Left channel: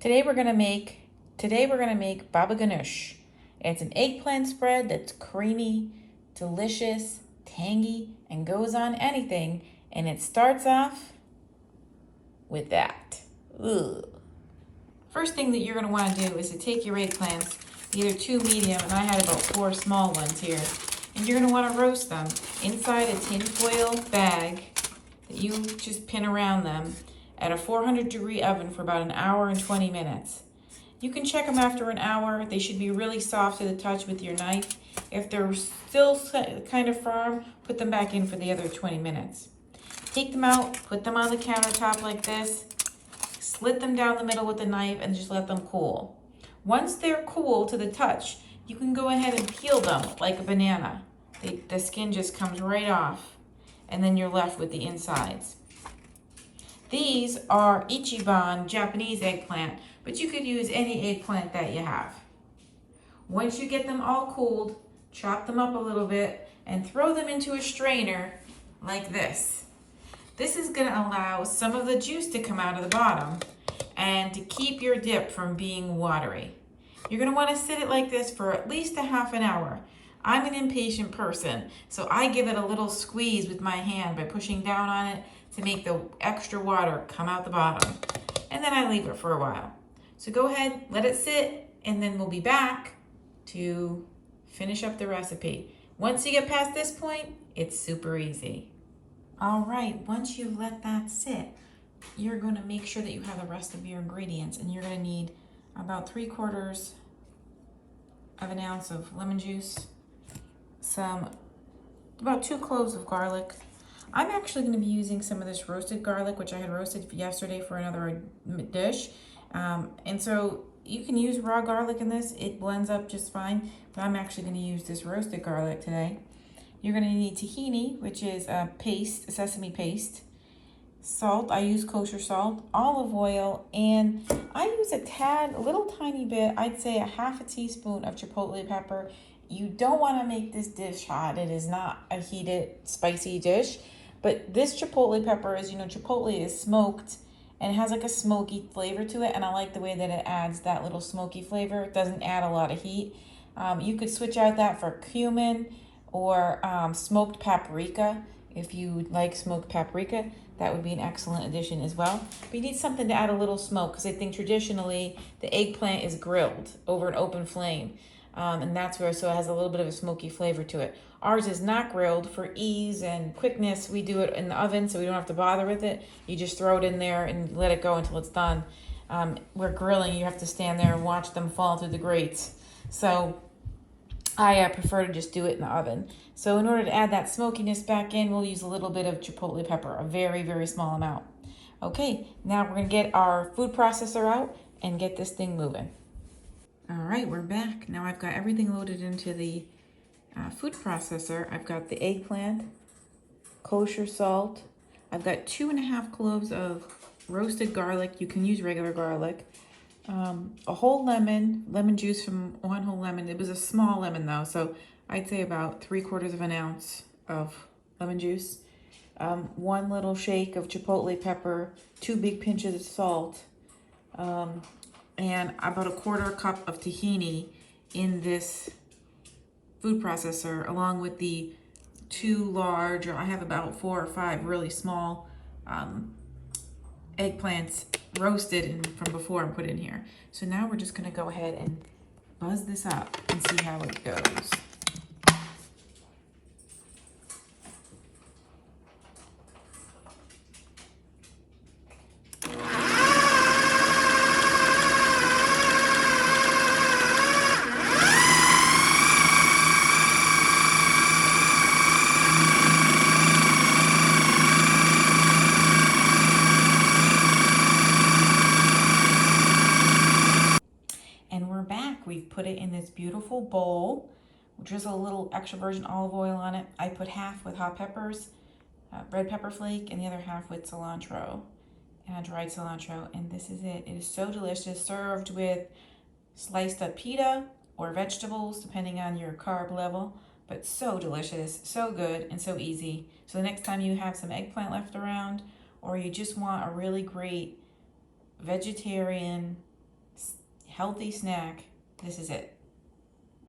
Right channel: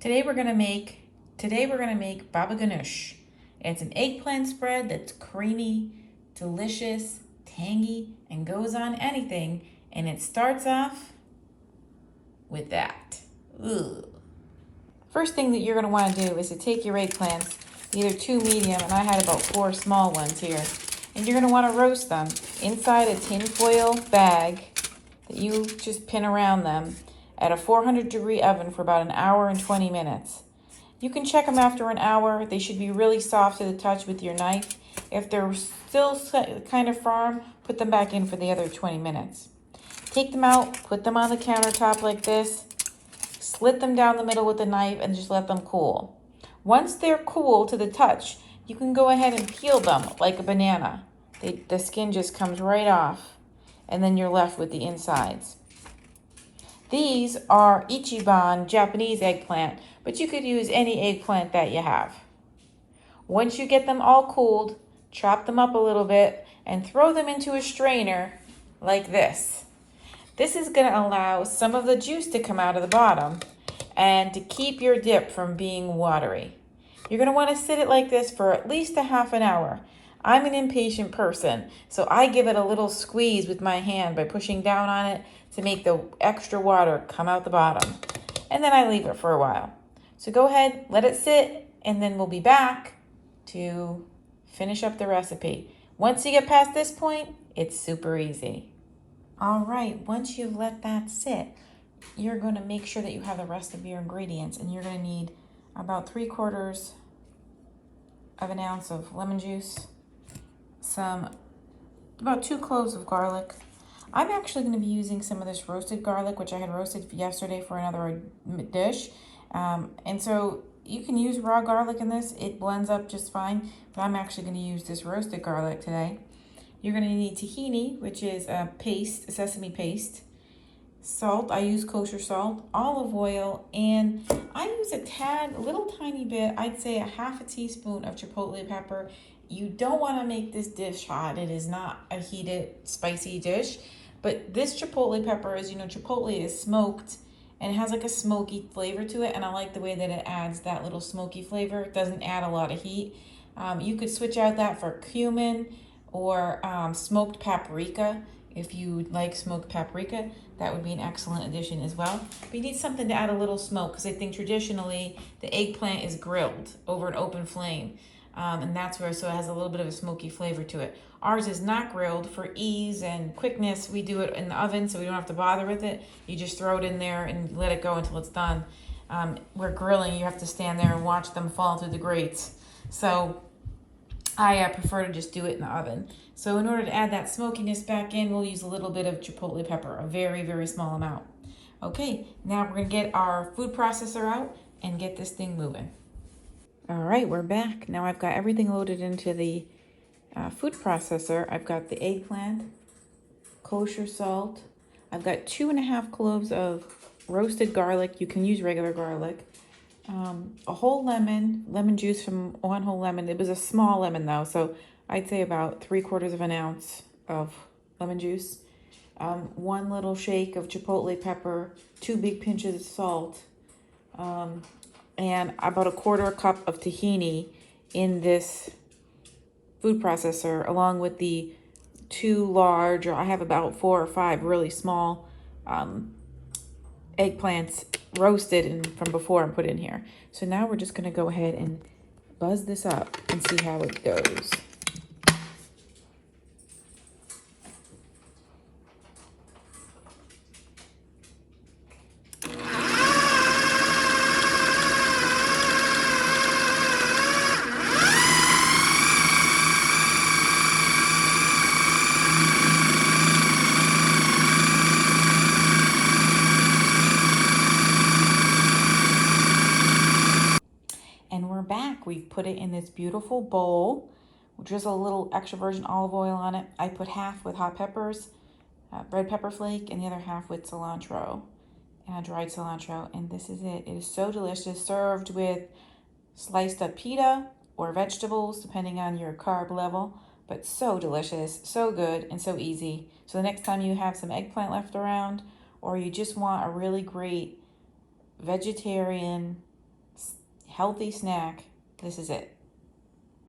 Today we're gonna make Baba Ganush. It's an eggplant spread that's creamy, delicious, tangy, and goes on anything. And it starts off with that. Ugh. First thing that you're gonna want to do is to take your eggplants, either two medium, and I had about 4 small ones here, and you're gonna want to roast them inside a tin foil bag that you just pin around them at a 400-degree oven for about 1 hour and 20 minutes. You can check them after 1 hour. They should be really soft to the touch with your knife. If they're still kind of firm, put them back in for the other 20 minutes. Take them out, put them on the countertop like this, slit them down the middle with a knife, and just let them cool. Once they're cool to the touch, you can go ahead and peel them like a banana. The skin just comes right off, and then you're left with the insides. These are Ichiban Japanese eggplant, but you could use any eggplant that you have. Once you get them all cooled, chop them up a little bit and throw them into a strainer like this. This is going to allow some of the juice to come out of the bottom and to keep your dip from being watery. You're going to want to sit it like this for at least a half an hour. I'm an impatient person, so I give it a little squeeze with my hand by pushing down on it to make the extra water come out the bottom. And then I leave it for a while. So go ahead, let it sit, and then we'll be back to finish up the recipe. Once you get past this point, it's super easy. All right, once you've let that sit, you're going to make sure that you have the rest of your ingredients, and you're going to need about 3/4 of an ounce of lemon juice, about 2 cloves of garlic. I'm actually going to be using some of this roasted garlic, which I had roasted yesterday for another dish. And so you can use raw garlic in this. It blends up just fine, but I'm actually going to use this roasted garlic today. You're going to need tahini, which is a sesame paste, salt, I use kosher salt, olive oil, and I use a little tiny bit, I'd say a 1/2 teaspoon of chipotle pepper. You don't want to make this dish hot. It is not a heated, spicy dish. But this chipotle pepper, as you know, chipotle is smoked and it has like a smoky flavor to it. And I like the way that it adds that little smoky flavor. It doesn't add a lot of heat. You could switch out that for cumin or smoked paprika. If you like smoked paprika, that would be an excellent addition as well. But you need something to add a little smoke, because I think traditionally the eggplant is grilled over an open flame. And that's where, so it has a little bit of a smoky flavor to it. Ours is not grilled. For ease and quickness, we do it in the oven, so we don't have to bother with it. You just throw it in there and let it go until it's done. Where grilling, you have to stand there and watch them fall through the grates. So I prefer to just do it in the oven. So in order to add that smokiness back in, we'll use a little bit of chipotle pepper, a very, very small amount. Okay, now we're gonna get our food processor out and get this thing moving. All right, we're back. Now I've got everything loaded into the food processor. I've got the eggplant, kosher salt. I've got 2.5 cloves of roasted garlic. You can use regular garlic. A whole lemon juice from 1 whole lemon. It was a small lemon though, so I'd say about 3/4 of an ounce of lemon juice. 1 little shake of chipotle pepper, 2 big pinches of salt, and about 1/4 cup of tahini in this food processor, along with the 2 large, or I have about 4 or 5 really small eggplants roasted from before and put in here. So now we're just going to go ahead and buzz this up and see how it goes. We've put it in this beautiful bowl. Drizzle a little extra virgin olive oil on it. I put half with hot peppers, red pepper flake, and the other half with cilantro, dried cilantro. And this is it. It is so delicious, served with sliced up pita or vegetables, depending on your carb level. But so delicious, so good, and so easy. So the next time you have some eggplant left around, or you just want a really great vegetarian healthy snack, this is it.